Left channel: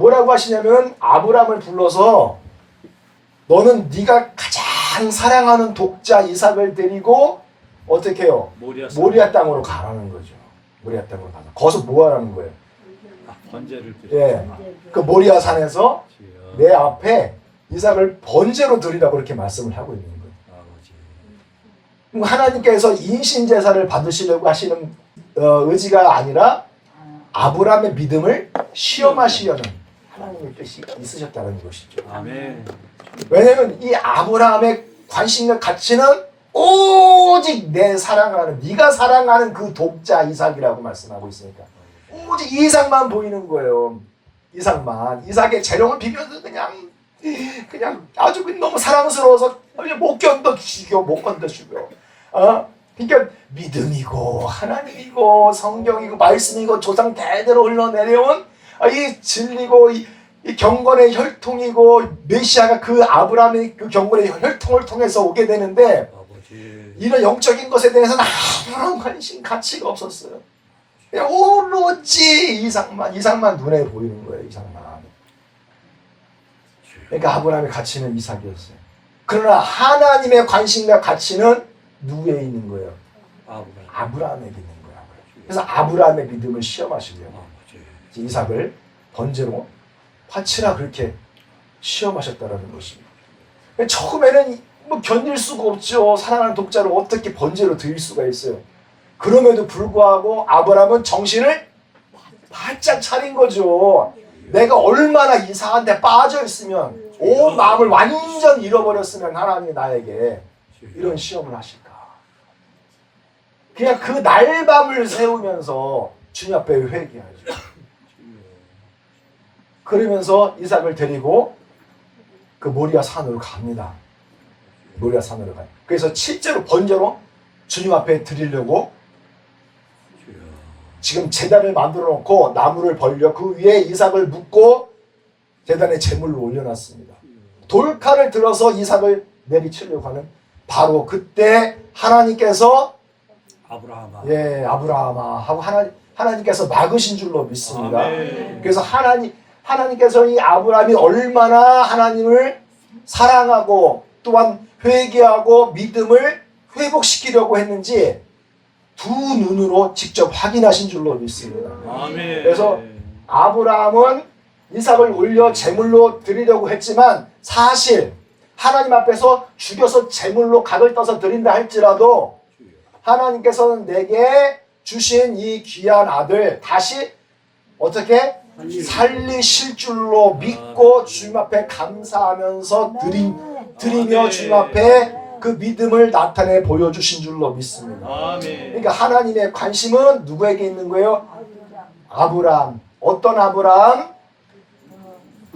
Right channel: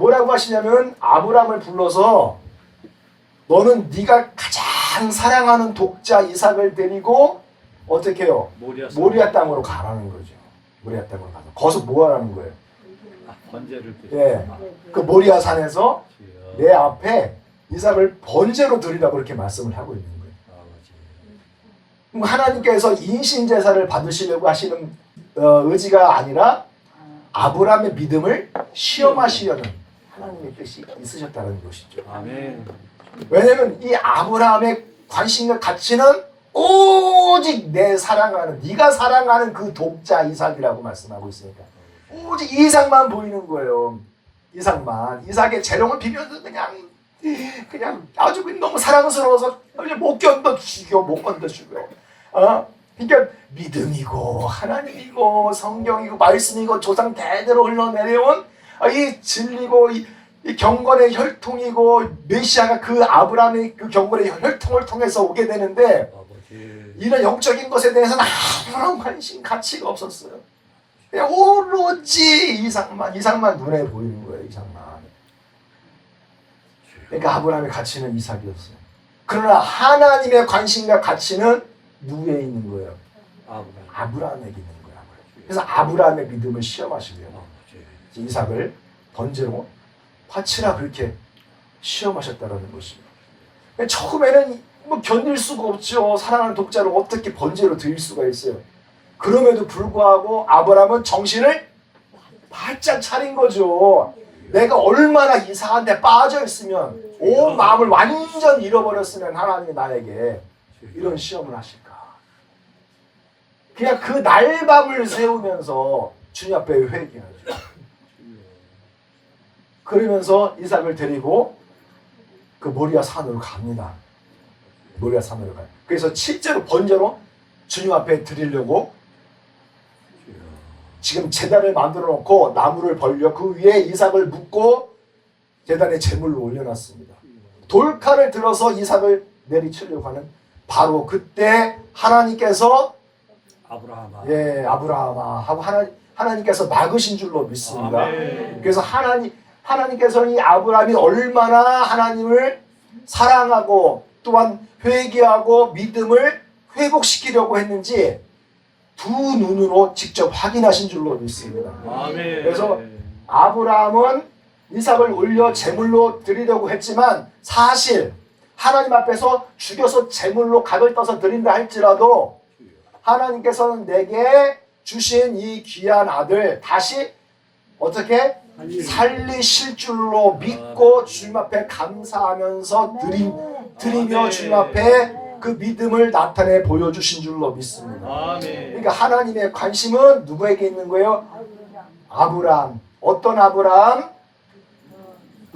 뭐라고 하시냐면 아브라함을 불러서 너는 네가 가장 사랑하는 독자 이삭을 데리고 어떻게 해요? 모리아 땅으로 가라는 거죠. 모리아 땅으로 가서 거기서 뭐 하라는 거예요? 번제를 예, 그 모리아 산에서 내 앞에 이삭을 번제로 드리라고 이렇게 말씀을 하고 있는 거예요. 그럼 하나님께서 인신 제사를 받으시려고 하시는 의지가 아니라 아브라함의 믿음을 시험하시려는 하나님의 뜻이 있으셨다는 것이죠. 아멘. 왜냐하면 이 아브라함의 관심과 가치는 오직 내 사랑하는 네가 사랑하는 그 독자 이삭이라고 말씀하고 있으니까 오직 이삭만 보이는 거예요. 이삭의 재롱을 비면서 그냥 아주 너무 사랑스러워서 못 견뎌주고 못 견뎌주고요. 그러니까 믿음이고 하나님이고 성경이고 말씀이고 조상 대대로 흘러내려온 이 진리고 이 경건의 혈통이고 메시아가 그 아브라함의 그 경건의 혈통을 통해서 오게 되는데 이런 영적인 것에 대해서는 아무런 관심 가치가 없었어요. 그냥 오로지 이삭만 눈에 보이는 거예요. 이삭만. 그러니까 아브라함의 가치는 이삭이었어요. 그러나 하나님의 관심과 가치는 누구에 있는 거예요? 아브라함에게 있는 거예요. 그래서 아브라함의 믿음을 시험하시려고 이삭을 번제로 바치라 그렇게 시험하셨다라는 것입니다. 처음에는 뭐 견딜 수가 없죠. 사랑하는 독자를 어떻게 번제로 드릴 수가 있어요. 그럼에도 불구하고 아브라함은 정신을 바짝 차린 거죠. 내가 얼마나 이상한 데 빠져 있으면 온 마음을 완전 잃어버렸으면 하나님이 나에게 이런 시험을 하실까. 그냥 그 날밤을 세우면서 주님 앞에 회개하죠. 그러면서 이삭을 데리고 그 모리아 산으로 갑니다. 모리아 산으로 가요. 그래서 실제로 번제로 주님 앞에 드리려고 지금 제단을 만들어 놓고 나무를 벌려 그 위에 이삭을 묶고 제단에 제물로 올려놨습니다. 돌칼을 들어서 이삭을 내리치려고 하는 바로 그때 하나님께서 아브라함아 하고 하나님께서 막으신 줄로 믿습니다. 그래서 하나님께서 이 아브라함이 얼마나 하나님을 사랑하고 또한 회개하고 믿음을 회복시키려고 했는지 두 눈으로 직접 확인하신 줄로 믿습니다. 그래서 아브라함은 이삭을 올려 제물로 드리려고 했지만 사실 하나님 앞에서 죽여서 제물로 각을 떠서 드린다 할지라도 하나님께서는 내게 주신 이 귀한 아들 다시 어떻게 살리실 줄로 믿고 주님 앞에 감사하면서 드리며 주님 앞에 그 믿음을 나타내 보여주신 줄로 믿습니다. 그러니까 하나님의 관심은 누구에게 있는 거예요? 아브라함. 어떤 아브라함?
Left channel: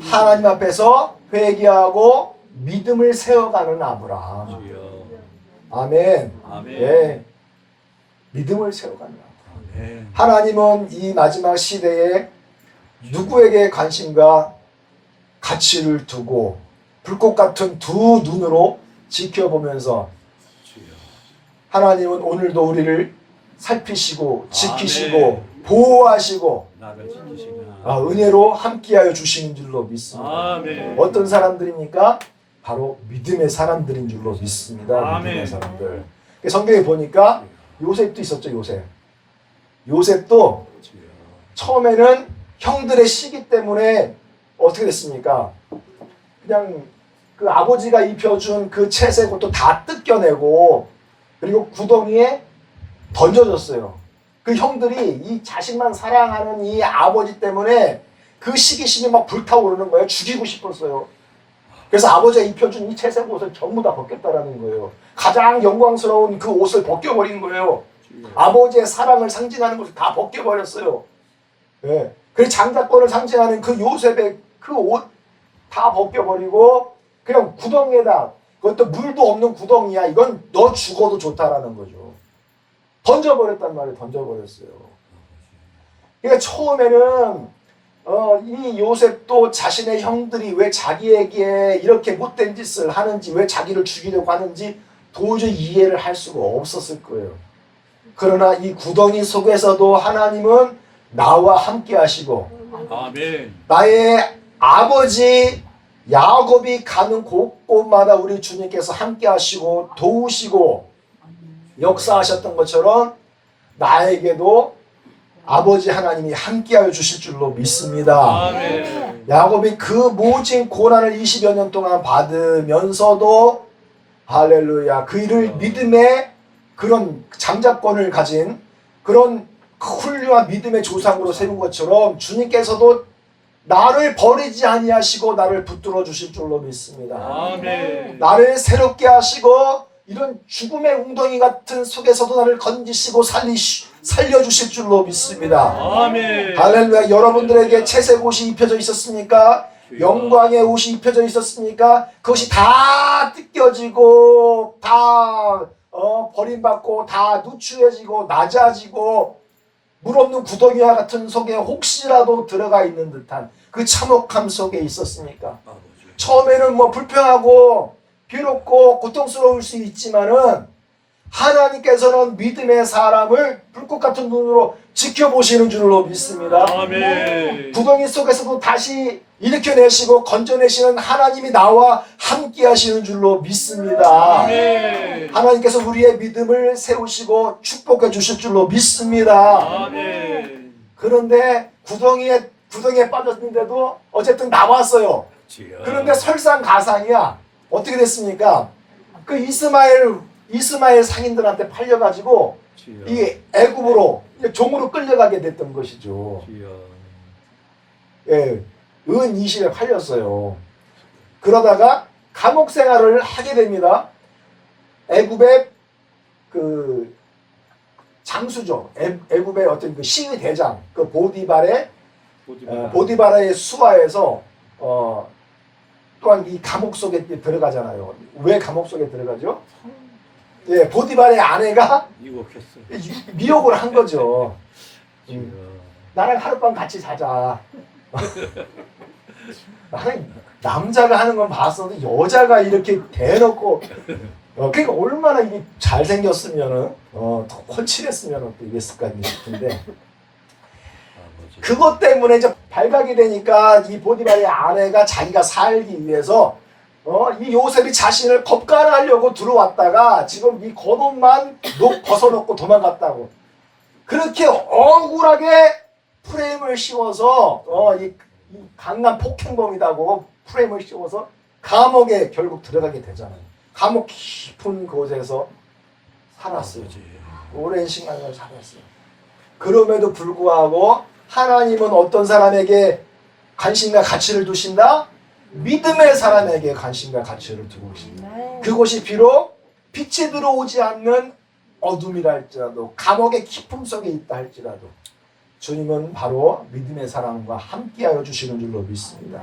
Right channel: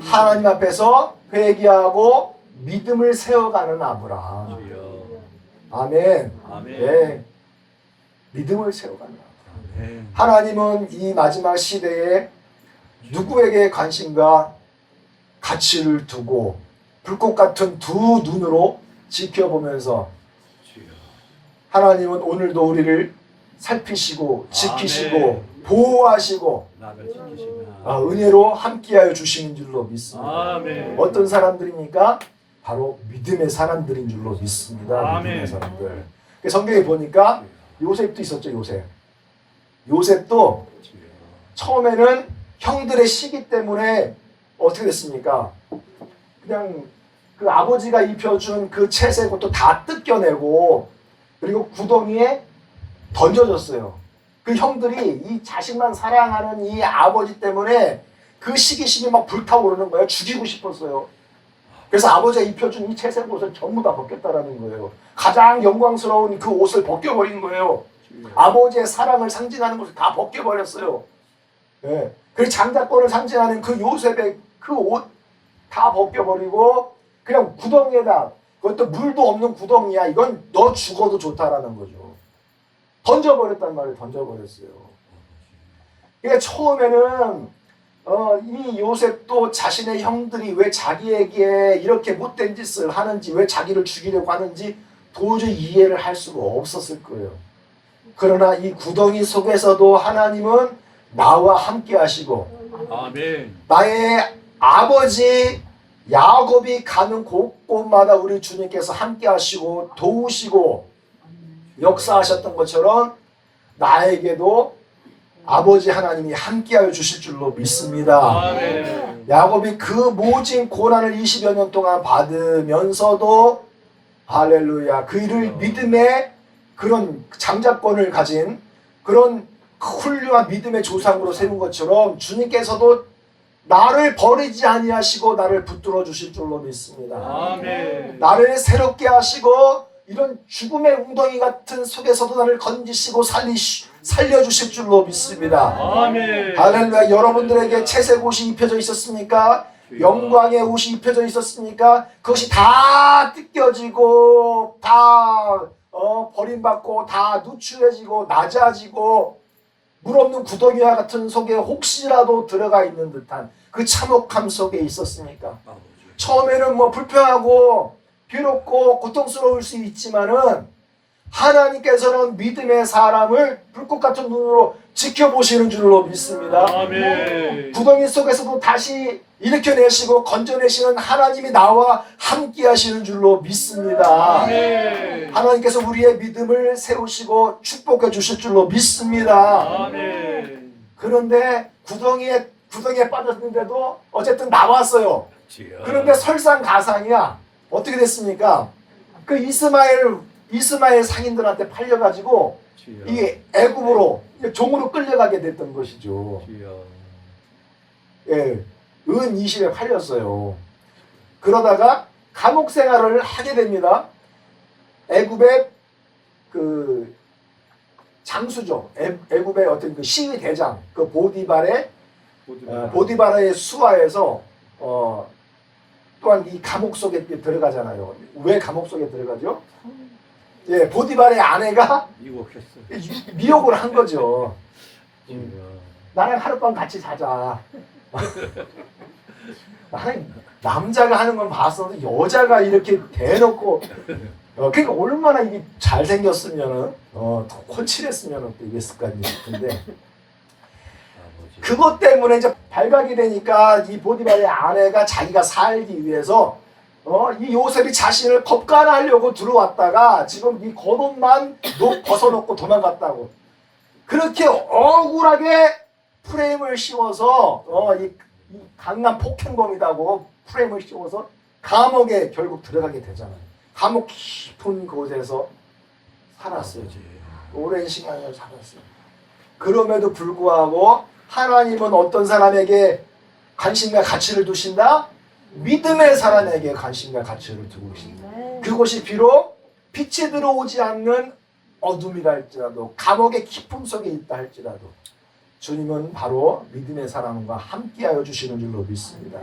하나님 앞에서 회개하고 믿음을 세워가는 아브라함. 아멘. 네. 믿음을 세워가는 아브라함. 하나님은 이 마지막 시대에 누구에게 관심과 가치를 두고 불꽃 같은 두 눈으로 지켜보면서 하나님은 오늘도 우리를 살피시고 지키시고 보호하시고 은혜로 함께하여 주시는 줄로 믿습니다. 어떤 사람들입니까? 바로 믿음의 사람들인 줄로 믿습니다. 믿음의 사람들. 성경에 보니까 요셉도 있었죠. 요셉도 처음에는 형들의 시기 때문에 어떻게 됐습니까? 그냥 그 아버지가 입혀준 그 채색 옷도 다 뜯겨내고 그리고 구덩이에 던져졌어요. 그 형들이 이 자식만 사랑하는 이 아버지 때문에 그 시기심이 막 불타오르는 거예요. 죽이고 싶었어요. 그래서 아버지가 입혀준 이 채색 옷을 전부 다 벗겼다라는 거예요. 가장 영광스러운 그 옷을 벗겨버린 거예요. 아버지의 사랑을 상징하는 것을 다 벗겨버렸어요. 네. 그 장자권을 상징하는 그 요셉의 그 옷 다 벗겨버리고 그냥 구덩이에다 그것도 물도 없는 구덩이야. 이건 너 죽어도 좋다라는 거죠. 던져버렸단 말이에요. 던져버렸어요. 그러니까 처음에는 이 요셉도 자신의 형들이 왜 자기에게 이렇게 못된 짓을 하는지 왜 자기를 죽이려고 하는지 도저히 이해를 할 수가 없었을 거예요. 그러나 이 구덩이 속에서도 하나님은 나와 함께 하시고 아멘. 나의 아버지 야곱이 가는 곳곳마다 우리 주님께서 함께 하시고 도우시고 역사하셨던 것처럼 나에게도 아버지 하나님이 함께하여 주실 줄로 믿습니다. 아멘. 야곱이 그 모진 고난을 20여 년 동안 받으면서도 할렐루야 그 일을 믿음의 그런 장자권을 가진 그런 훌륭한 믿음의 조상으로 세운 것처럼 주님께서도 나를 버리지 아니하시고 나를 붙들어 주실 줄로 믿습니다. 아멘. 나를 새롭게 하시고 이런 죽음의 웅덩이 같은 속에서도 나를 건지시고 살려주실 줄로 믿습니다. 아멘. 할렐루야. 여러분들에게 채색 옷이 입혀져 있었습니까? 영광의 옷이 입혀져 있었습니까? 그것이 다 뜯겨지고 다 버림받고 다 누추해지고 낮아지고 물 없는 구덩이와 같은 속에 혹시라도 들어가 있는 듯한 그 참혹함 속에 있었습니까? 처음에는 뭐 불평하고 괴롭고 고통스러울 수 있지만은 하나님께서는 믿음의 사람을 불꽃 같은 눈으로 지켜보시는 줄로 믿습니다. 아멘. 구덩이 속에서도 다시 일으켜내시고 건져내시는 하나님이 나와 함께 하시는 줄로 믿습니다. 아멘. 하나님께서 우리의 믿음을 세우시고 축복해 주실 줄로 믿습니다. 아멘. 그런데 구덩이에 빠졌는데도 어쨌든 나왔어요. 그런데 설상가상이야. 어떻게 됐습니까? 그 이스마엘 상인들한테 팔려가지고 이게 애굽으로 종으로 끌려가게 됐던 것이죠. 예, 은 20에 팔렸어요. 그러다가 감옥 생활을 하게 됩니다. 애굽의 그 장수죠. 애굽의 어떤 그 시위 대장, 그 보디바라의 수하에서 또한 이 감옥 속에 들어가잖아요. 왜 감옥 속에 들어가죠? 예, 보디발의 아내가 미혹을 한 거죠. 나랑 하룻밤 같이 자자. 나는 남자가 하는 건 봤어도 여자가 이렇게 대놓고 그러니까 얼마나 이게 잘생겼으면은 더 콜칠했으면은 또 이랬을까 싶은데 그것 때문에 이제 발각이 되니까 이 보디발의 아내가 자기가 살기 위해서 이 요셉이 자신을 겁간하려고 들어왔다가 지금 이 겉옷만 벗어놓고 도망갔다고 그렇게 억울하게 프레임을 씌워서 이 강남 폭행범이라고 프레임을 씌워서 감옥에 결국 들어가게 되잖아요. 감옥 깊은 곳에서 살았어요. 오랜 시간을 살았어요. 그럼에도 불구하고 하나님은 어떤 사람에게 관심과 가치를 두신다? 믿음의 사람에게 관심과 가치를 두고 계신다. 그것이 비록 빛이 들어오지 않는 어둠이라 할지라도 감옥의 깊음 속에 있다 할지라도 주님은 바로 믿음의 사람과 함께하여 주시는 줄로 믿습니다.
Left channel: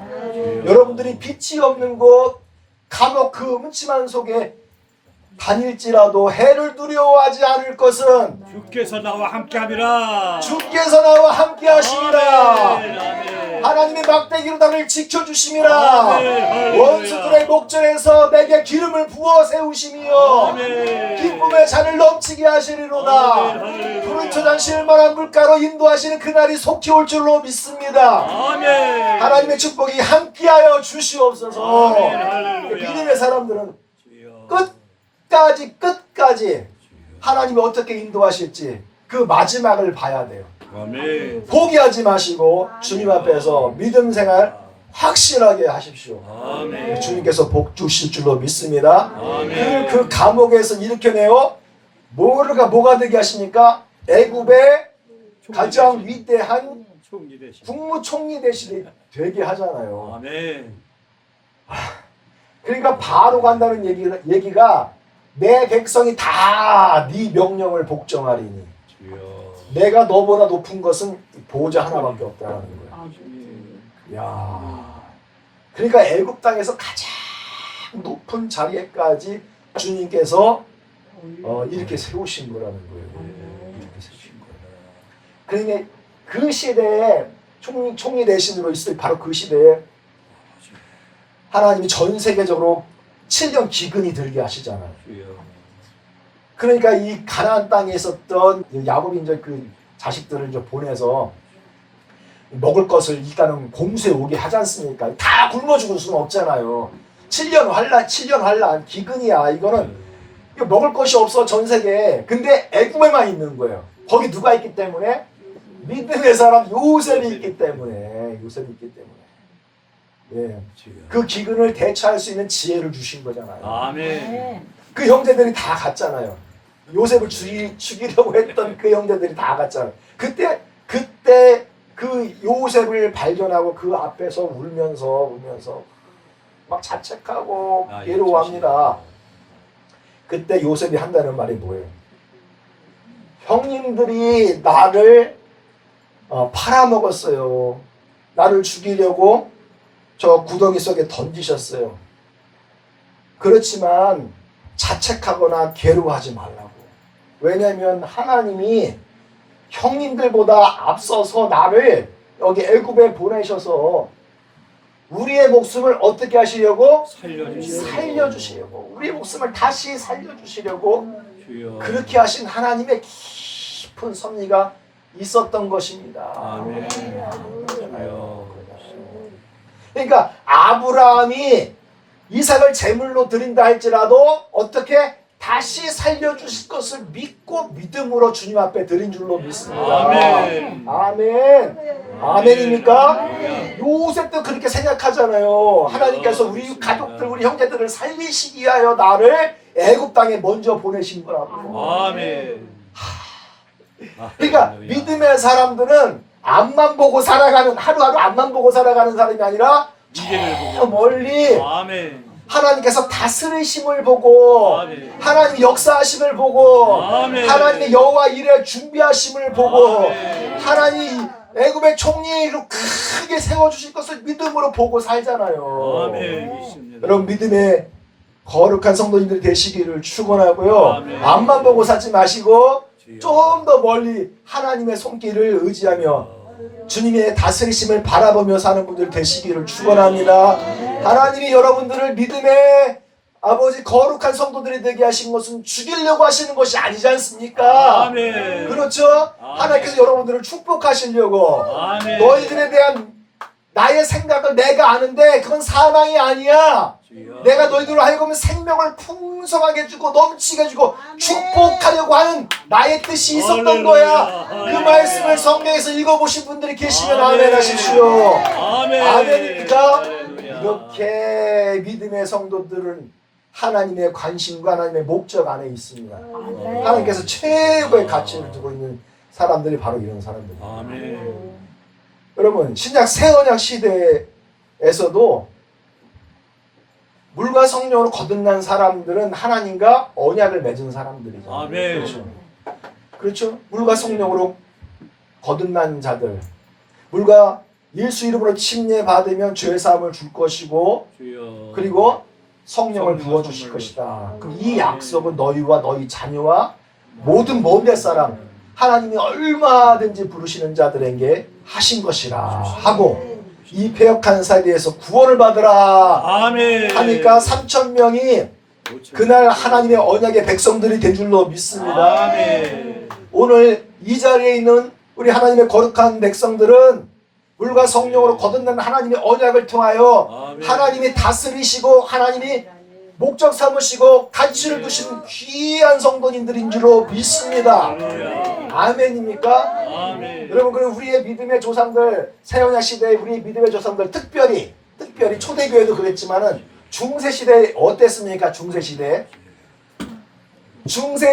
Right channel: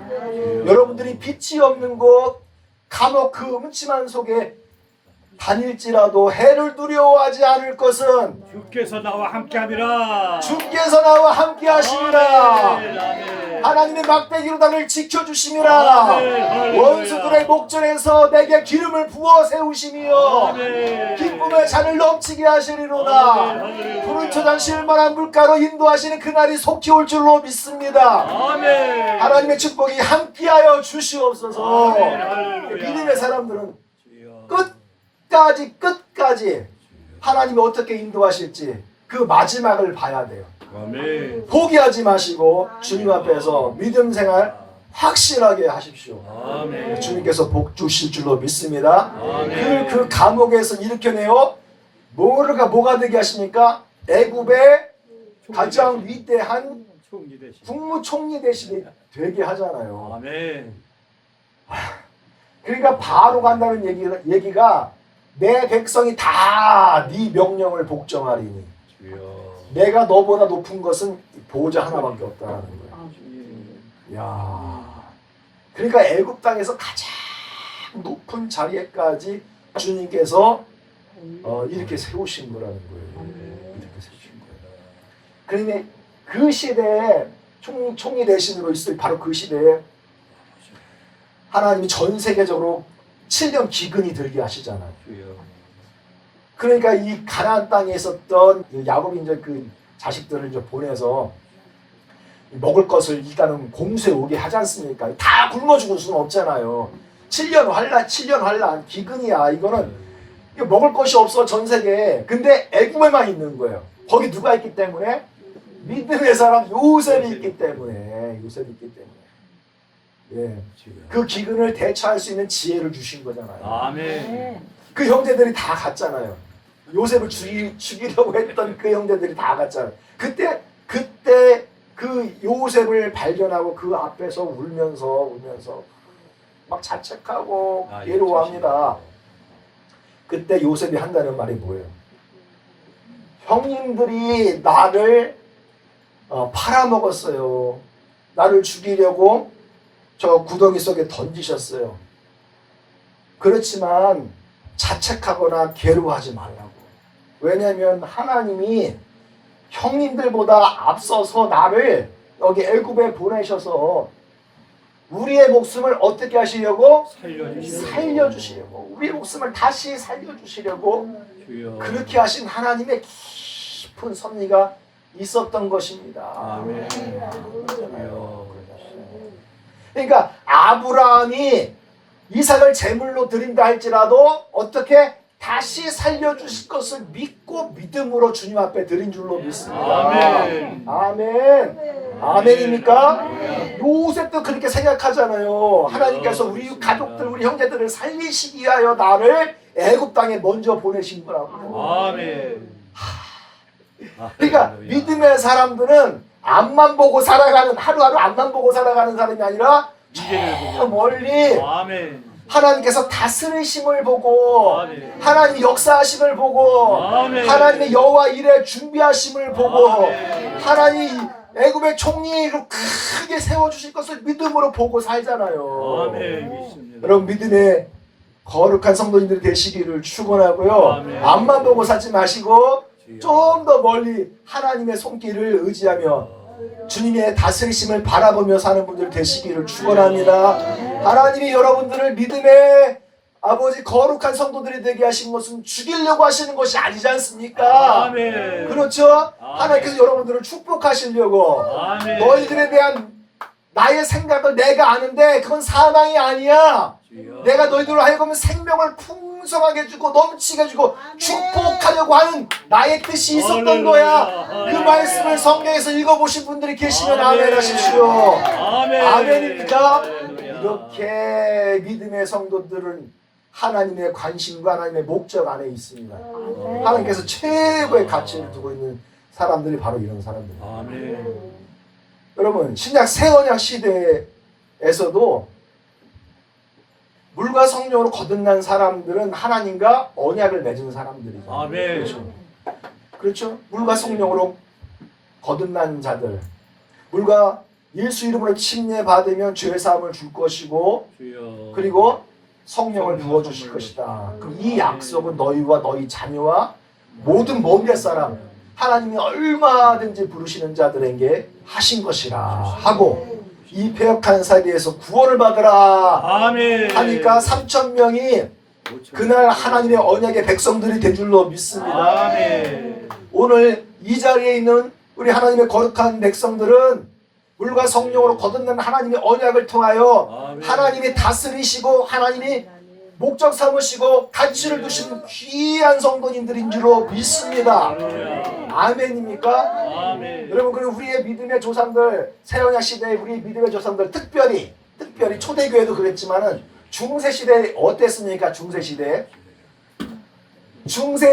여러분들이 빛이 없는 곳 감옥 그 음침한 속에 다닐지라도 해를 두려워하지 않을 것은 주께서 나와 함께함이라. 주께서 나와 함께 하심이라. 하나님의 막대기로 나를 지켜주심이라. 원수들의 목전에서 내게 기름을 부어 세우심이여 기쁨의 잔을 넘치게 하시리로다. 푸른 초장 만한 물가로 인도하시는 그날이 속히 올 줄로 믿습니다. 하나님의 축복이 함께하여 주시옵소서. 믿음의 사람들은 끝까지 하나님이 어떻게 인도하실지 그 마지막을 봐야 돼요. 아멘. 포기하지 마시고 주님 앞에서 믿음 생활 확실하게 하십시오. 아멘. 주님께서 복 주실 줄로 믿습니다. 아멘. 그 감옥에서 일으켜내어 뭐가 되게 하십니까? 애굽의 가장 위대한 국무총리 대신에 되게 하잖아요. 아멘. 그러니까 바로 간다는 얘기가 내 백성이 다 네 명령을 복종하리니 내가 너보다 높은 것은 보좌 하나밖에 없다는 거야. 야, 그러니까 애굽 땅에서 가장 높은 자리에까지 주님께서 이렇게 세우신 거라는 거예요. 이렇게 세우신 거예요. 그러니 그 시대에 총리 대신으로 있을 바로 그 시대에 하나님이 전 세계적으로 7년 기근이 들게 하시잖아요. 그러니까 이 가나안 땅에 있었던 야곱이 이제 그 자식들을 이제 보내서 먹을 것을 일단은 공수해 오게 하지 않습니까? 다 굶어 죽을 수는 없잖아요. 7년 환란 기근이야. 이거는 이거 먹을 것이 없어 전 세계에. 근데 애굽에만 있는 거예요. 거기 누가 있기 때문에? 믿음의 사람 요셉이 있기 때문에. 예, 그 기근을 대처할 수 있는 지혜를 주신 거잖아요. 아멘. 그 형제들이 다 갔잖아요. 요셉을 죽이려고 했던 그 형제들이 다 갔잖아요. 그때 그 요셉을 발견하고 그 앞에서 울면서 막 자책하고 괴로워합니다. 그때 요셉이 한다는 말이 뭐예요? 형님들이 나를 팔아먹었어요. 나를 죽이려고 저 구덩이 속에 던지셨어요. 그렇지만 자책하거나 괴로워하지 말라고. 왜냐하면 하나님이 형님들보다 앞서서 나를 여기 애굽에 보내셔서 우리의 목숨을 어떻게 하시려고? 살려주시려고. 우리의 목숨을 다시 살려주시려고 그렇게 하신 하나님의 깊은 섭리가 있었던 것입니다. 아멘. 그러니까 아브라함이 이삭을 제물로 드린다 할지라도 어떻게 다시 살려주실 것을 믿고 믿음으로 주님 앞에 드린 줄로 믿습니다. 아멘. 아멘. 아멘입니까? 요셉도 그렇게 생각하잖아요. 하나님께서 우리 가족들, 우리 형제들을 살리시기 위하여 나를 애굽 땅에 먼저 보내신 거라고요. 아멘. 그러니까 믿음의 사람들은 앞만 보고 살아가는, 하루하루 앞만 보고 살아가는 사람이 아니라 저 멀리 아멘. 하나님께서 다스리심을 보고, 아멘. 하나님 역사하심을 보고, 아멘. 하나님의 여호와 일에 준비하심을 보고, 아멘. 하나님 애굽의 총리로 크게 세워주실 것을 믿음으로 보고 살잖아요. 아멘. 여러분 믿음의 거룩한 성도님들이 되시기를 축원하고요. 아멘. 앞만 보고 살지 마시고 좀 더 멀리 하나님의 손길을 의지하며 주님의 다스리심을 바라보며 사는 분들 되시기를 축원합니다. 하나님이 여러분들을 믿음의 아버지 거룩한 성도들이 되게 하신 것은 죽이려고 하시는 것이 아니지 않습니까? 아멘. 그렇죠? 하나님께서 여러분들을 축복하시려고 아멘. 너희들에 대한 나의 생각을 내가 아는데 그건 사망이 아니야. 내가 너희들로 하여금 생명을 풍성하게 주고 넘치게 주고 축복하려고 하는 나의 뜻이 있었던 거야. 그 말씀을 성경에서 읽어보신 분들이 계시면 아멘 하십시오. 아멘. 아멘입니까? 할렐루야. 이렇게 믿음의 성도들은 하나님의 관심과 하나님의 목적 안에 있습니다. 하나님께서 최고의 가치를 두고 있는 사람들이 바로 이런 사람들입니다. 아멘. 여러분 신약 새언약 시대에서도 물과 성령으로 거듭난 사람들은 하나님과 언약을 맺은 사람들이죠. 아멘. 그렇죠? 물과 성령으로 거듭난 자들, 물과 예수 이름으로 침례 받으면 죄 사함을 줄 것이고, 주여. 그리고 성령을 부어 주실 선물로. 것이다. 그럼 이 약속은 너희와 너희 자녀와 모든 먼 사람, 하나님이 얼마든지 부르시는 자들에게 하신 것이라 하고, 이 패역한 사리에서 구원을 받으라 아멘. 하니까 3,000명이 그날 하나님의 언약의 백성들이 된 줄로 믿습니다. 아멘. 오늘 이 자리에 있는 우리 하나님의 거룩한 백성들은 물과 성령으로 거듭난 하나님의 언약을 통하여 아멘. 하나님이 다스리시고 하나님이 목적 삼으시고 가치를 두신 귀한 성도님들인 줄로 믿습니다. 아멘입니까? 아멘. 여러분, 그리고 우리의 믿음의 조상들, 새언약 시대의 우리의 믿음의 조상들, 특별히 초대교회도 그랬지만은 중세 시대 어땠습니까? 중세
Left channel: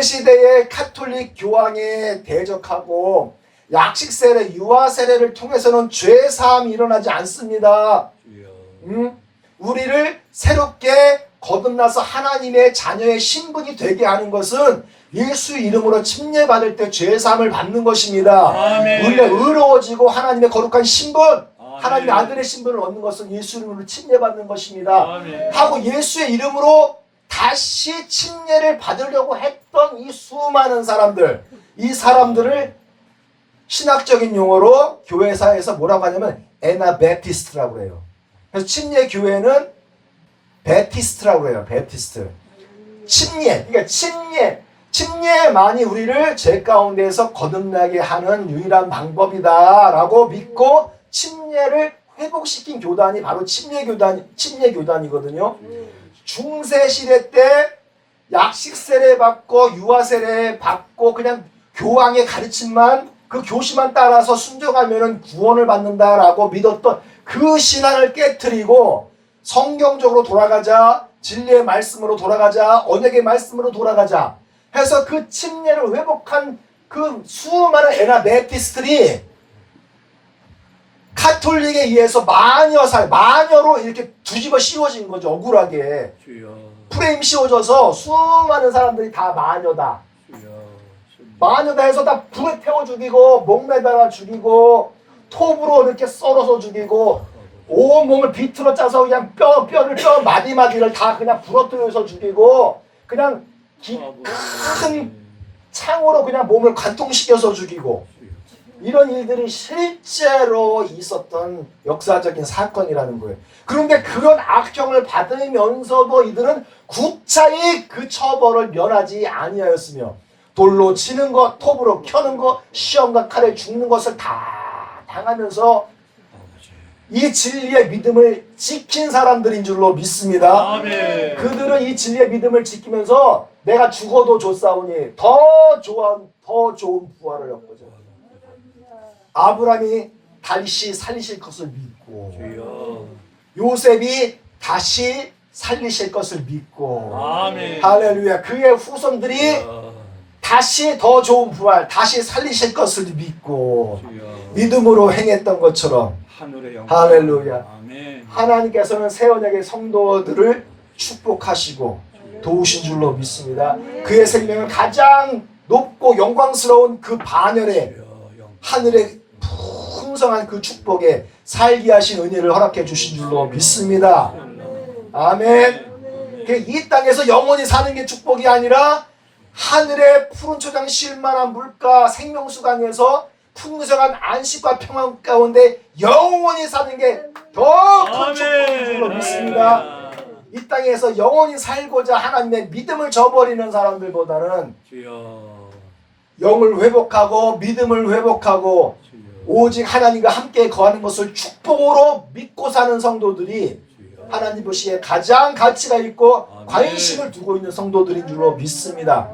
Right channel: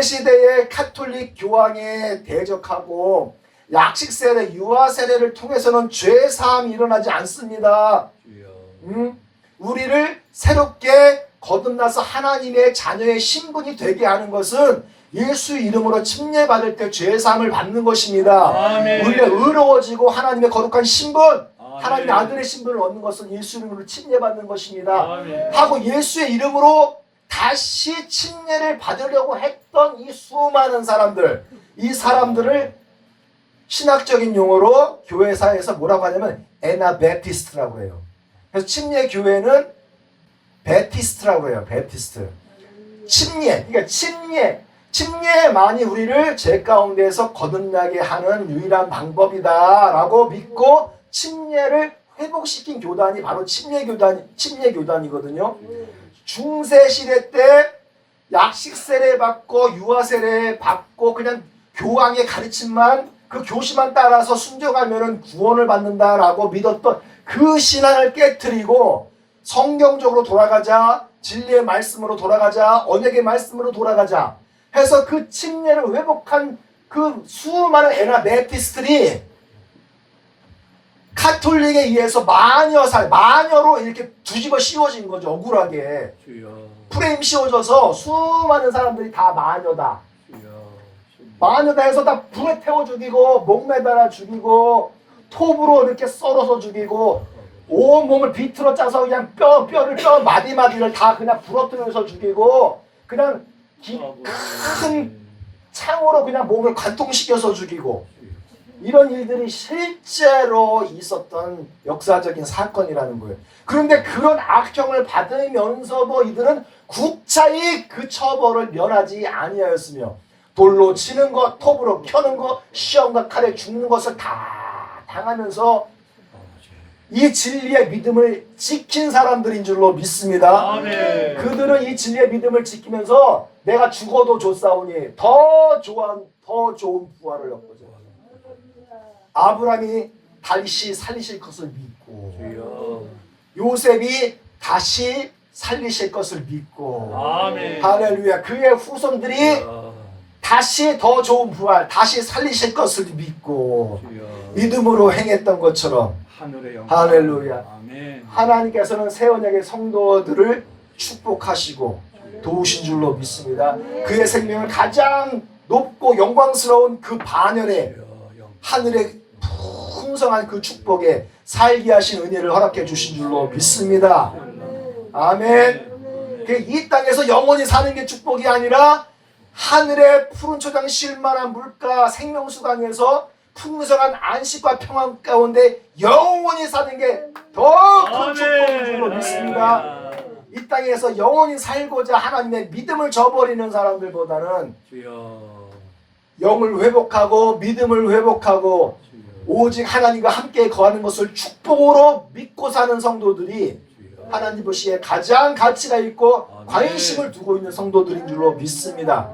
시대의 카톨릭 교황에 대적하고 약식 세례, 유아 세례를 통해서는 죄 사함이 일어나지 않습니다. 우리를 새롭게 거듭나서 하나님의 자녀의 신분이 되게 하는 것은 예수 이름으로 침례받을 때 죄사함을 받는 것입니다. 아멘. 우리가 의로워지고 하나님의 거룩한 신분, 아멘. 하나님의 아들의 신분을 얻는 것은 예수 이름으로 침례받는 것입니다. 아멘. 하고 예수의 이름으로 다시 침례를 받으려고 했던 이 수많은 사람들, 이 사람들을 신학적인 용어로 교회사에서 뭐라고 하냐면 에나베티스트라고 해요. 그래서 침례 교회는 베티스트라고 해요. 베티스트. 침례. 그러니까 침례만이 우리를 죄 가운데에서 거듭나게 하는 유일한 방법이다라고 믿고 침례를 회복시킨 교단이 바로 침례교단이거든요. 중세 시대 때 약식 세례 받고 유아 세례 받고 그냥 교황의 가르침만 그 교시만 따라서 순종하면은 구원을 받는다라고 믿었던 그 신앙을 깨트리고 성경적으로 돌아가자, 진리의 말씀으로 돌아가자, 언약의 말씀으로 돌아가자 해서 그 침례를 회복한 그 수많은 에나베티스트들이 카톨릭에 의해서 마녀로 이렇게 뒤집어 씌워진 거죠. 억울하게 주여. 프레임 씌워져서 수많은 사람들이 다 마녀다, 주여. 마녀다 해서 다 불에 태워 죽이고 목매달아 죽이고 톱으로 이렇게 썰어서 죽이고 온 몸을 비틀어 짜서 그냥 뼈 마디마디를 다 그냥 부러뜨려서 죽이고 그냥 큰 창으로 그냥 몸을 관통시켜서 죽이고 이런 일들이 실제로 있었던 역사적인 사건이라는 거예요. 그런데 그런 악형을 받으면서도 이들은 굳차이 그 처벌을 면하지 아니하였으며 돌로 치는 것, 톱으로 켜는 것, 시험과 칼에 죽는 것을 다 당하면서 이 진리의 믿음을 지킨 사람들인 줄로 믿습니다. 아멘. 그들은 이 진리의 믿음을 지키면서 내가 죽어도 좋사오니 더 좋은 부활을 얻거든. 아브라함이 다시 살리실 것을 믿고 주여. 요셉이 다시 살리실 것을 믿고 아멘. 할렐루야. 그의 후손들이 주여. 다시 더 좋은 부활, 다시 살리실 것을 믿고 주여. 믿음으로 행했던 것처럼 하늘의 영광. 할렐루야. 아멘. 하나님께서는 새 언약의 성도들을 축복하시고 도우신 줄로 믿습니다. 그의 생명을 가장 높고 영광스러운 그 반열에 하늘의 풍성한 그 축복에 살게 하신 은혜를 허락해 주신 줄로 믿습니다. 아멘. 이 땅에서 영원히 사는 게 축복이 아니라 하늘의 푸른 초장 쉴만한 물가 생명수강에서 풍성한 안식과 평안 가운데 영원히 사는 게 더 큰 축복인 줄로 믿습니다. 이 땅에서 영원히 살고자 하나님의 믿음을 저버리는 사람들보다는 주여. 영을 회복하고 믿음을 회복하고 주여. 오직 하나님과 함께 거하는 것을 축복으로 믿고 사는 성도들이 하나님 보시기에 가장 가치가 있고 관심을 두고 있는 성도들인 줄로 믿습니다.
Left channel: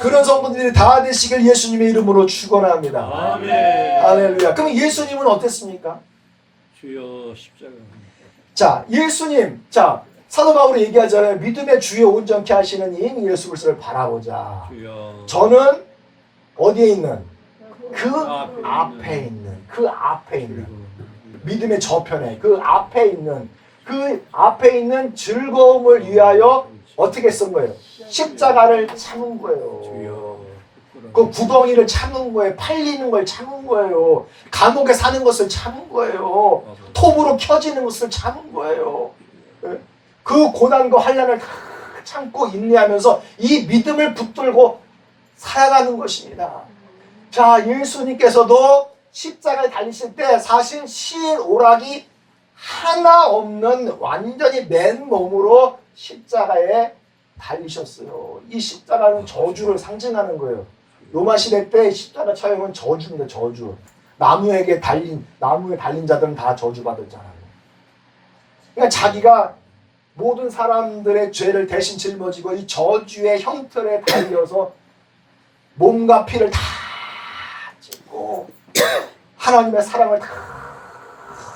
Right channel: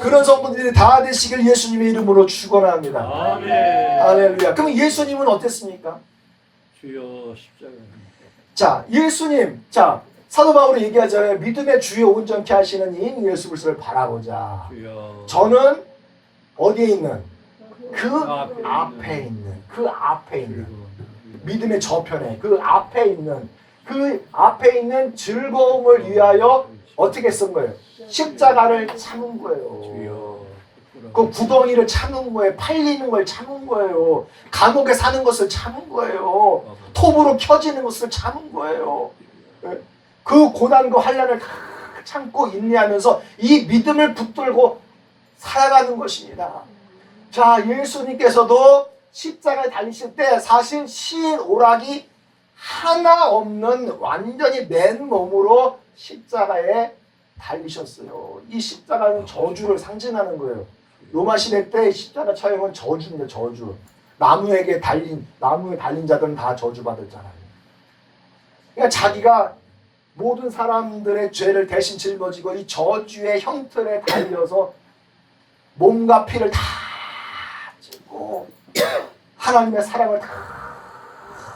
그런 성도들이 다 되시길 예수님의 이름으로 축원합니다. 아멘. 할렐루야. 그럼 예수님은 어땠습니까? 주여 십자가. 자, 예수님, 자 사도 바울이 얘기하잖아요. 믿음의 주요 온전케 하시는 이인 예수 그리스도를 바라보자. 주여. 저는 어디에 있는? 그 앞에 앞에 있는 믿음의 저편에 그 앞에 있는 즐거움을 위하여 어떻게 쓴 거예요? 십자가를 참은 거예요. 주여. 그 구덩이를 참은 거예요. 팔리는 걸 참은 거예요. 감옥에 사는 것을 참은 거예요. 톱으로 켜지는 것을 참은 거예요. 그 고난과 환난을 다 참고 인내하면서 이 믿음을 붙들고 살아가는 것입니다. 자, 예수님께서도 십자가에 달리실 때 사실 신 오락이 하나 없는 완전히 맨몸으로 십자가에 달리셨어요. 이 십자가는 저주를 상징하는 거예요. 로마 시대 때 십자가 처형은 저주입니다. 저주. 나무에 달린 자들은 다 저주받았잖아요. 그러니까 자기가 모든 사람들의 죄를 대신 짊어지고 이 저주의 형틀에 달려서 몸과 피를 다 찢고 하나님의 사랑을 다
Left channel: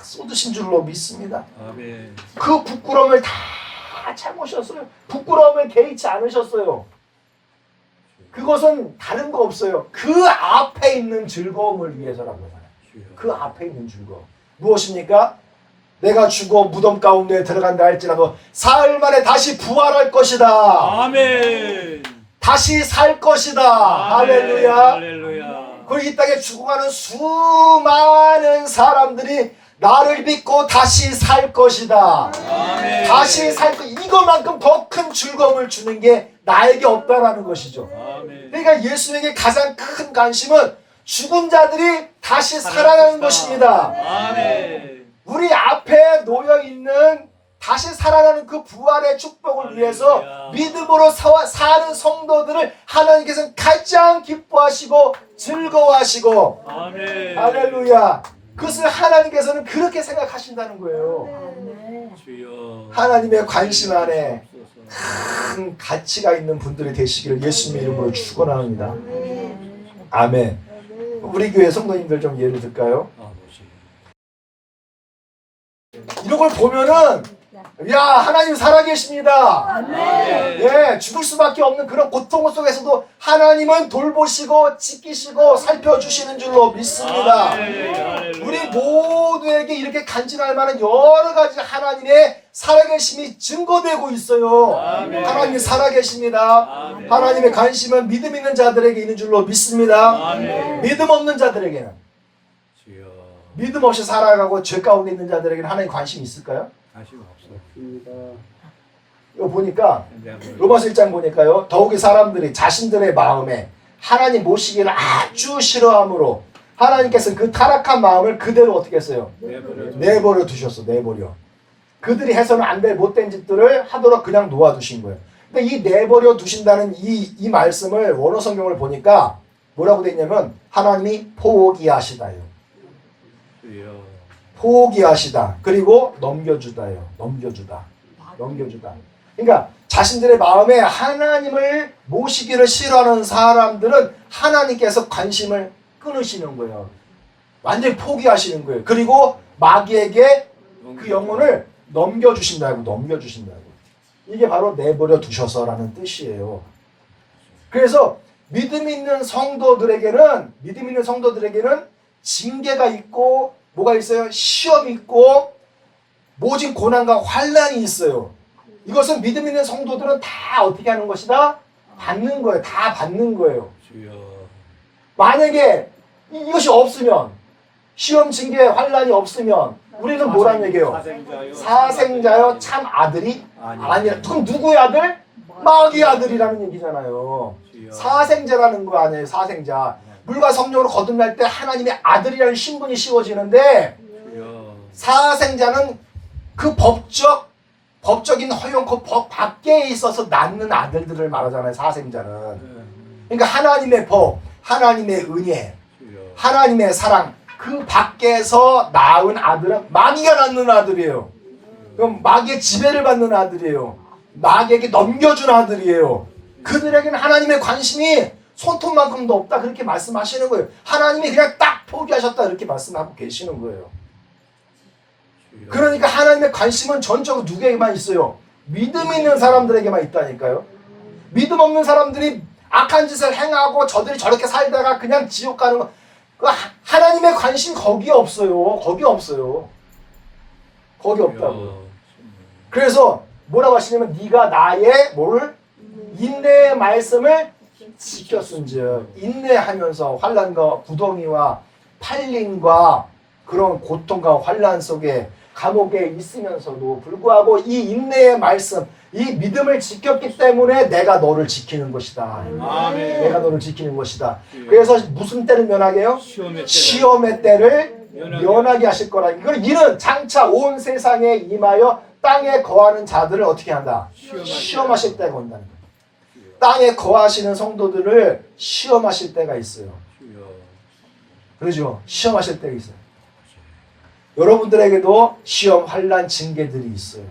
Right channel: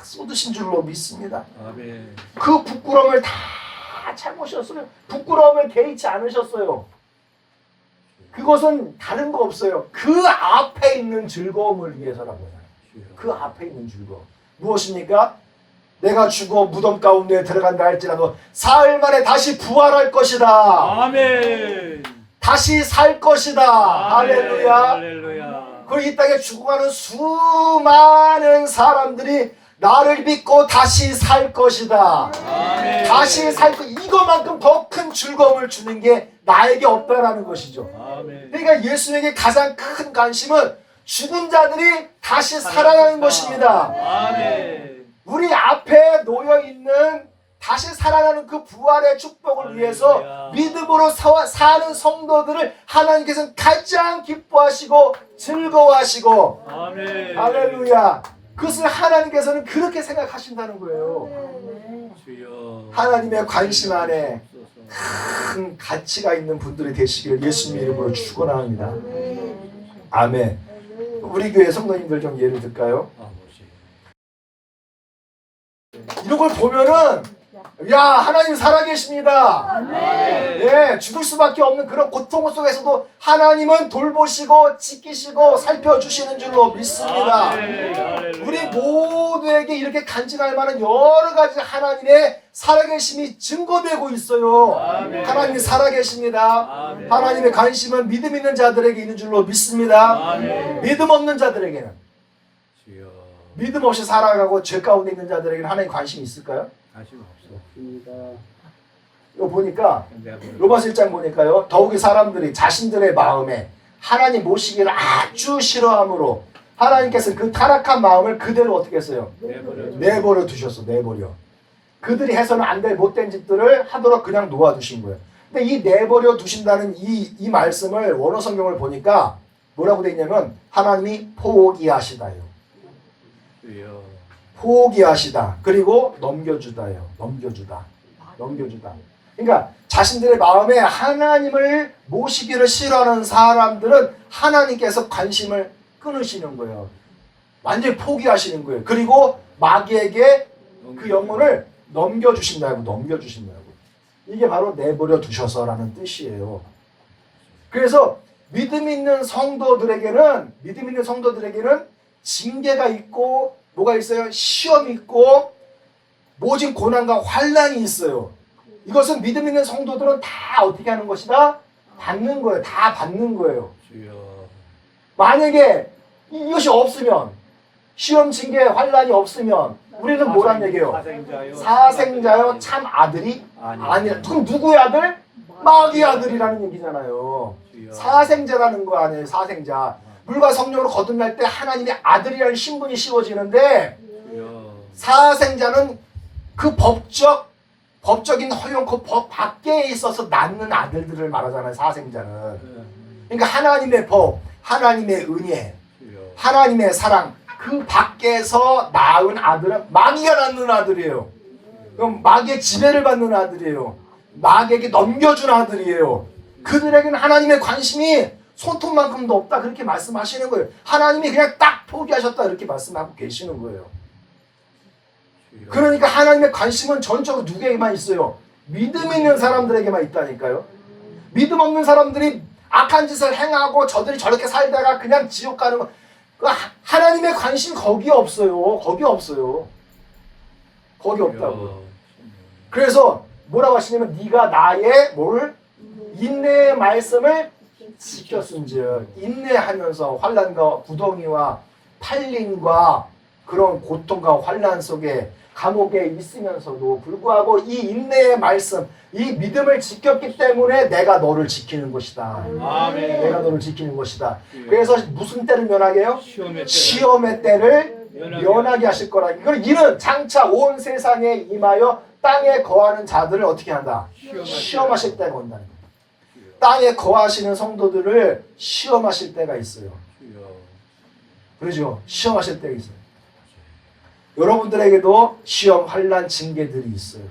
쏟으신 줄로 믿습니다. 아멘. 그 부끄러움을 다 참으셨어요. 부끄러움을 개의치 않으셨어요. 그것은 다른 거 없어요. 그 앞에 있는 즐거움을 위해서라고 하잖아요. 그 앞에 있는 즐거움. 무엇입니까? 내가 죽어 무덤 가운데 들어간다 할지라도 사흘 만에 다시 부활할 것이다. 아멘. 다시 살 것이다. 아멘. 할렐루야. 할렐루야. 그리고 이 땅에 죽어가는 수많은 사람들이 나를 믿고 다시 살 것이다. 아멘. 다시 살 것. 이것만큼 더 큰 즐거움을 주는 게 나에게 없다라는 것이죠. 아멘. 그러니까 예수님에게 가장 큰 관심은 죽은 자들이 다시 살아나는 것입니다. 아멘. 우리 앞에 놓여 있는 다시 살아나는 그 부활의 축복을 위해서 믿음으로 사는 성도들을 하나님께서는 가장 기뻐하시고 즐거워하시고 아멘. 할렐루야. 그것을 하나님께서는 그렇게 생각하신다는 거예요. 주여. 하나님의 관심 안에 큰 가치가 있는 분들이 되시기를 예수님의 이름으로 축원합니다. 아멘. 우리 교회 성도님들 좀 예를 들까요? 이런 걸 보면은 야, 하나님 살아계십니다. 예, 죽을 수밖에 없는 그런 고통 속에서도 하나님은 돌보시고 지키시고 살펴주시는 줄로 믿습니다. 우리 모두에게 이렇게 간증할 만한 여러 가지 하나님의 살아계심이 증거되고 있어요. 하나님이 살아계십니다. 하나님의 관심은 믿음 있는 자들에게 있는 줄로 믿습니다. 믿음 없는 자들에게는, 믿음 없이 살아가고 죄 가운데 있는 자들에게는 하나님 관심이 있을까요? 관심 없습니다. 이거 보니까 로마서 1장 보니까요, 더욱이 사람들이 자신들의 마음에 하나님 모시기를 아주 싫어함으로 하나님께서 그 타락한 마음을 그대로 어떻게 했어요? 내버려 두셨어. 내버려. 그들이 해서는 안 될 못된 짓들을 하도록 그냥 놓아두신 거예요. 근데 이 내버려 두신다는 이 말씀을 원어 성경을 보니까 뭐라고 돼 있냐면 하나님이 포기하시다요. 포기하시다. 그리고 넘겨주다요. 넘겨주다. 그러니까 자신들의 마음에 하나님을 모시기를 싫어하는 사람들은 하나님께서 관심을 끊으시는 거예요. 완전히 포기하시는 거예요. 그리고 마귀에게 그 영혼을 넘겨주신다고. 이게 바로 내버려 두셔서라는 뜻이에요. 그래서 믿음 있는 성도들에게는 징계가 있고 뭐가 있어요? 시험이 있고 모진 고난과 환난이 있어요. 이것은 믿음 있는 성도들은 다 어떻게 하는 것이다? 받는 거예요. 다 받는 거예요. 만약에 이것이 없으면, 시험, 징계, 환난이 없으면 우리는 뭐란 얘기예요? 사생자요 참 아들이 아니라. 그럼 누구의 아들? 마귀의 아들이라는 얘기잖아요. 사생자라는 거 아니에요. 사생자. 물과 성령으로 거듭날 때 하나님의 아들이라는 신분이 씌워지는데, 사생자는 그 법적인 허용코 법 밖에 있어서 낳는 아들들을 말하잖아요. 사생자는. 그러니까 하나님의 법, 하나님의 은혜, 하나님의 사랑, 그 밖에서 낳은 아들은 마귀가 낳는 아들이에요. 그럼 마귀의 지배를 받는 아들이에요. 마귀에게 넘겨준 아들이에요. 그들에게는 하나님의 관심이 손톱만큼도 없다, 그렇게 말씀하시는 거예요. 하나님이 그냥 딱 포기하셨다, 이렇게 말씀하고 계시는 거예요. 그러니까 하나님의 관심은 전적으로 누구에게만 있어요? 믿음 있는 사람들에게만 있다니까요. 믿음 없는 사람들이 악한 짓을 행하고 저들이 저렇게 살다가 그냥 지옥 가는 거, 하나님의 관심이 거기에 없어요. 거기 없어요. 거기 없다고. 그래서 뭐라고 하시냐면 네가 나의 뭐를? 인내의 말씀을 지켰은즉. 인내하면서 환난과 구덩이와 팔림과 그런 고통과 환난 속에 감옥에 있으면서도 불구하고 이 인내의 말씀, 이 믿음을 지켰기 때문에 내가 너를 지키는 것이다. 아멘. 내가 너를 지키는 것이다. 그래서 무슨 때를 면하게 해요? 시험의 때를 면하게 하실 거라. 이는 장차 온 세상에 임하여 땅에 거하는 자들을 어떻게 한다? 시험하실 때가 온다는 거예요. 땅에 거하시는 성도들을 시험하실 때가 있어요. 그러죠? 시험하실 때가 있어요. 여러분들에게도 시험, 환난, 징계들이 있어요.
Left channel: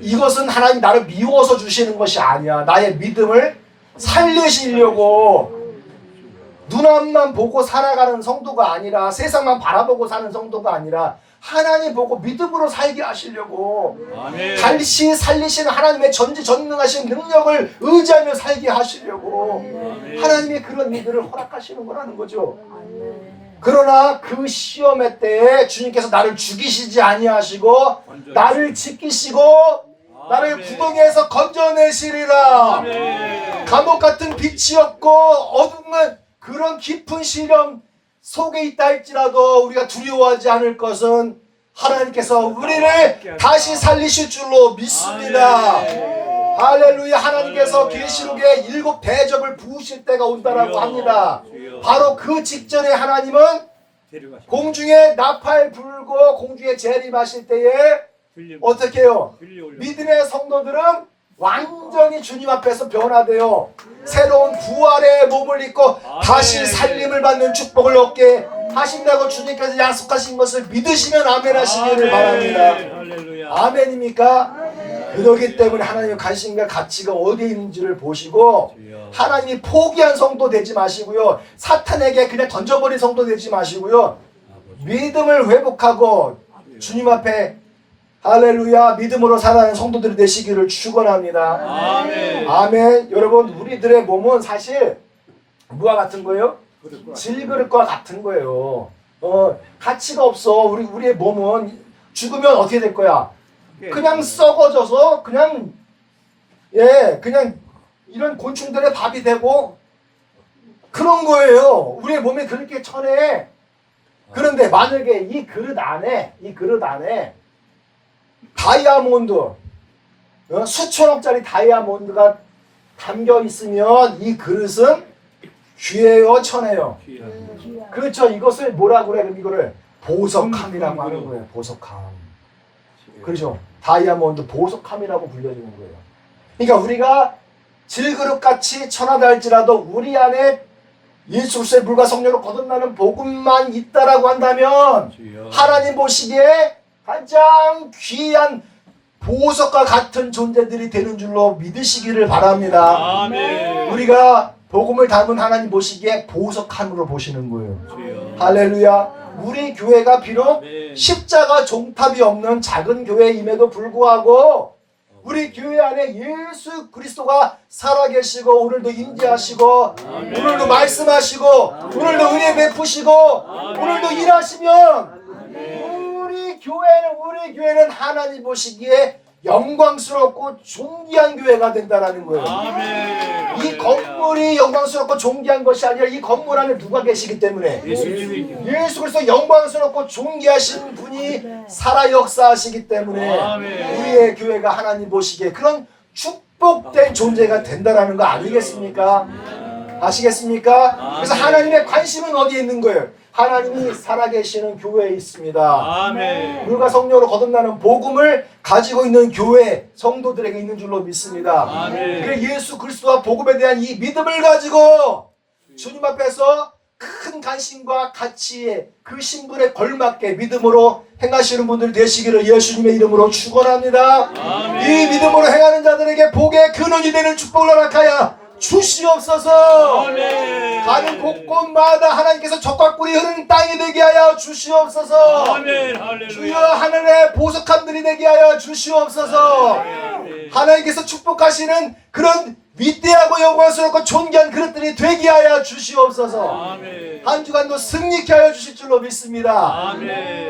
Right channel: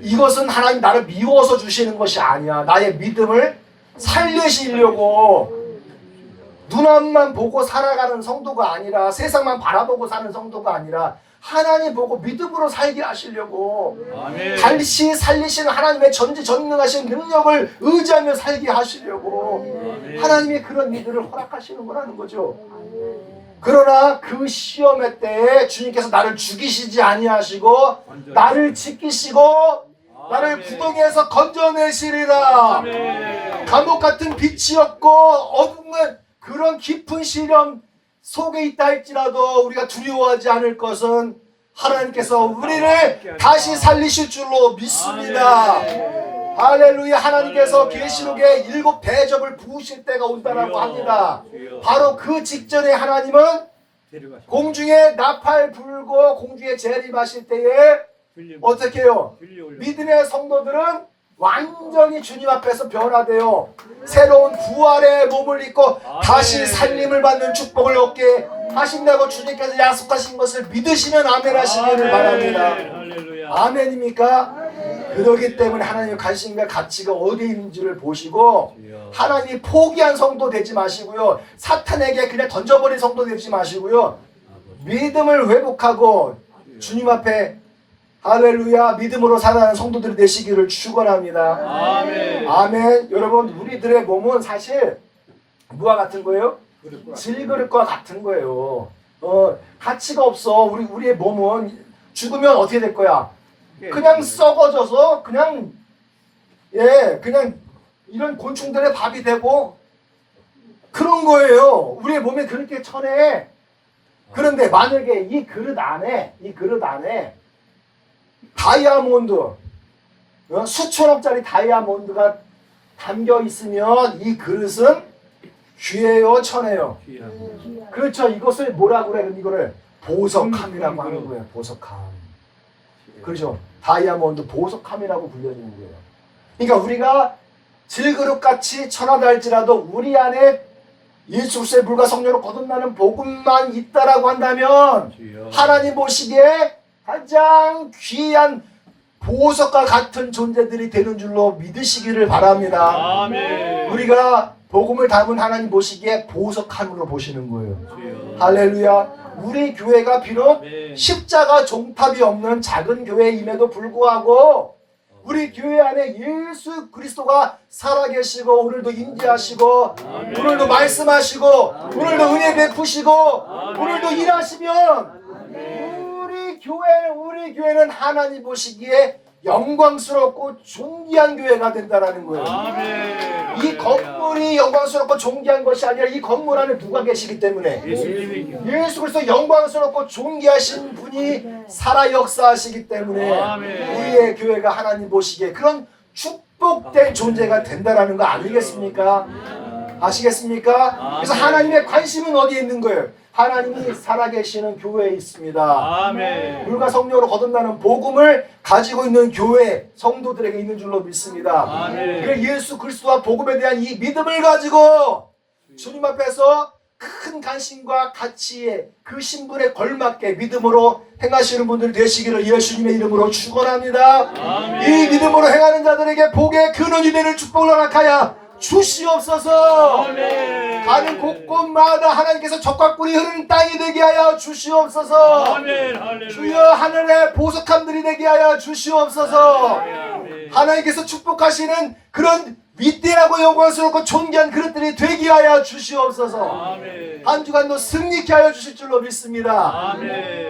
이것은 하나님 나를 미워서 주시는 것이 아니야. 나의 믿음을 살리시려고, 눈앞만 보고 살아가는 성도가 아니라, 세상만 바라보고 사는 성도가 아니라 하나님 보고 믿음으로 살게 하시려고, 다시 살리시는 하나님의 전지전능하신 능력을 의지하며 살게 하시려고 하나님의 그런 일들을 허락하시는 거라는 거죠. 그러나 그 시험의 때에 주님께서 나를 죽이시지 아니하시고 나를 지키시고 나를 구덩이에서 건져내시리라. 감옥 같은 빛이 없고 어둠은 그런 깊은 시련 속에 있다 할지라도 우리가 두려워하지 않을 것은 하나님께서 우리를 다시 살리실 줄로 믿습니다. 할렐루야. 하나님께서 계시록에 7 대접을 부으실 때가 온다라고 합니다. 바로 그 직전에 하나님은 공중에 나팔 불고 공중에 재림하실 때에 어떻게 해요? 믿음의 성도들은 완전히 주님 앞에서 변화되어 새로운 부활의 몸을 입고 다시 살림을 받는 축복을 얻게 하신다고 주님께서 약속하신 것을 믿으시면 아멘 하시기를 바랍니다. 할렐루야. 아멘입니까? 그러기 때문에 하나님의 관심과 가치가 어디에 있는지를 보시고 주여. 하나님이 포기한 성도 되지 마시고요. 사탄에게 그냥 던져버린 성도 되지 마시고요. 믿음을 회복하고 주님 앞에 할렐루야 믿음으로 살아가는 성도들이 되시기를 축원합니다. 아멘. 아멘. 여러분 우리들의 몸은 사실 뭐와 같은 거예요? 질그릇과 같은 거예요. 가치가 없어. 우리의 몸은 죽으면 어떻게 될 거야? 그냥 썩어져서 그냥 이런 곤충들의 밥이 되고 그런 거예요. 우리의 몸이 그렇게 천해. 그런데 만약에 이 그릇 안에 다이아몬드 수천억짜리 다이아몬드가 담겨 있으면 이 그릇은 귀해요, 천해요. 그렇죠. 이것을 뭐라 그래? 그럼 이거를 보석함이라고 하는 거예요. 보석함. 그렇죠. 다이아몬드 보석함이라고 불려지는 거예요. 그러니까 우리가 질그릇같이 천하다 할지라도 우리 안에 예수 그리스도의 물과 성령으로 거듭나는 복음만 있다라고 한다면 주여. 하나님 보시기에 가장 귀한 보석과 같은 존재들이 되는 줄로 믿으시기를 바랍니다. 아멘. 우리가 복음을 담은 하나님 보시기에 보석함으로 보시는 거예요. 주여. 할렐루야. 우리 교회가 비록 아멘. 십자가 종탑이 없는 작은 교회임에도 불구하고 우리 교회 안에 예수 그리스도가 살아계시고 오늘도 임재하시고 아멘. 오늘도 말씀하시고 오늘도 은혜 베푸시고 오늘도 일하시면 우리 교회는 하나님 보시기에 영광스럽고 존귀한 교회가 된다라는 거예요. 아멘. 이 건물이 영광스럽고 존귀한 것이 아니라 이 건물 안에 누가 계시기 때문에 예수님이 예수 그리스도 영광스럽고 존귀하신 분이 살아 역사하시기 때문에 아멘. 우리의 교회가 하나님 보시기에 그런 축복된 존재가 된다라는 거 아니겠습니까? 아시겠습니까? 그래서 하나님의 관심은 어디에 있는 거예요? 하나님이 살아계시는 교회에 있습니다. 아멘. 물과 성령으로 거듭나는 복음을 가지고 있는 교회 성도들에게 있는 줄로 믿습니다. 아멘. 그래서 예수 그리스도와 복음에 대한 이 믿음을 가지고 주님 앞에서 큰 관심과 가치에 그 신분에 걸맞게 믿음으로 행하시는 분들 되시기를 예수님의 이름으로 축원합니다. 아멘. 이 믿음으로 행하는 자들에게 복의 근원이 되는 축복을 허락하여 주시옵소서. 아멘. 가는 곳곳마다 하나님께서 적과 꿀이 흐르는 땅이 되게 하여 주시옵소서. 아멘. 할렐루야. 주여 하늘의 보석함들이 되게 하여 주시옵소서. 하나님께서 축복하시는 그런 위대하고 영광스럽고 존귀한 그릇들이 되게 하여 주시옵소서. 아멘. 한 주간도 승리케 하여 주실 줄로 믿습니다. 아멘.